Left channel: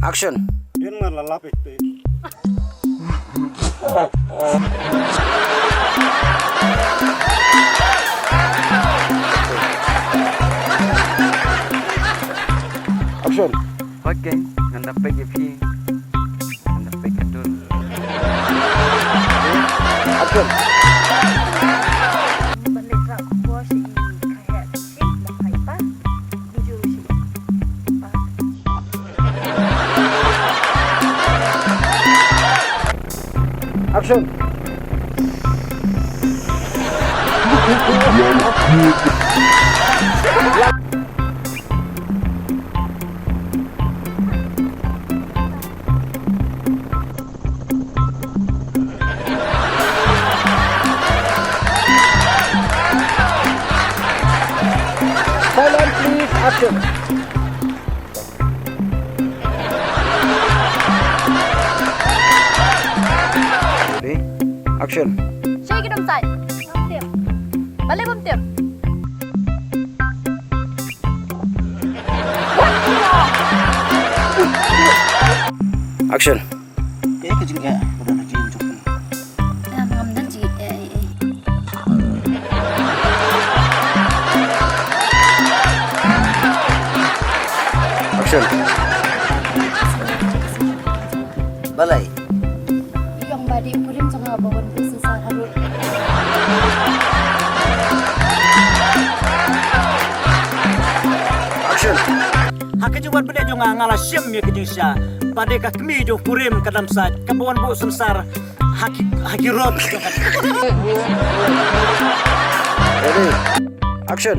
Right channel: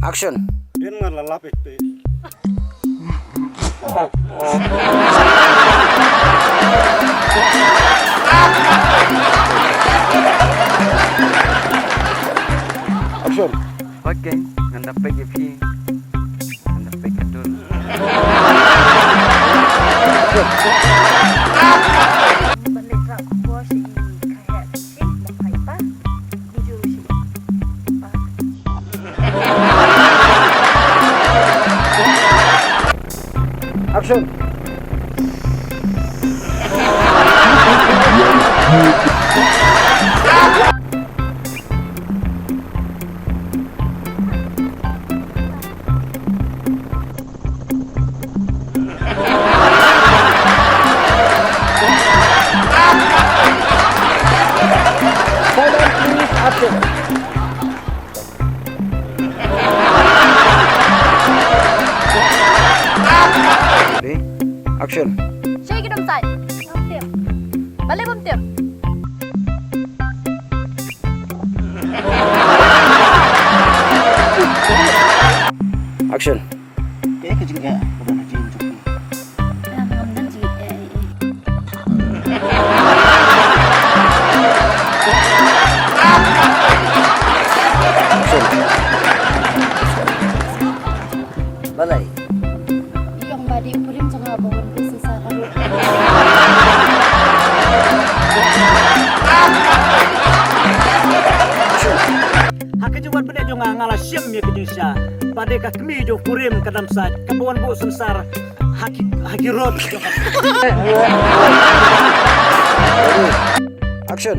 Action. Dia malalapit tu. Action. Okay, nganda pegi pi. Nganda pegi dul. Action. Balik rak bos si kayak si makai pa. Buju si. Action. Silent please. Action. Ready? Action. Chơi cái đâm sai. Bấm tiệm. Balik bấm tiệm. Action. Eh kejengga. Udah nak cium cukup. Ngam dan si. Action. Balai. Yang badi ukurim jangan bawa bisnis harus. Action. Hakajuan pada jo ngala siam ya kejengsa. Pada ka kemi jo kurim kadam sa kabuan bo sensar hakirot. Ready? Action.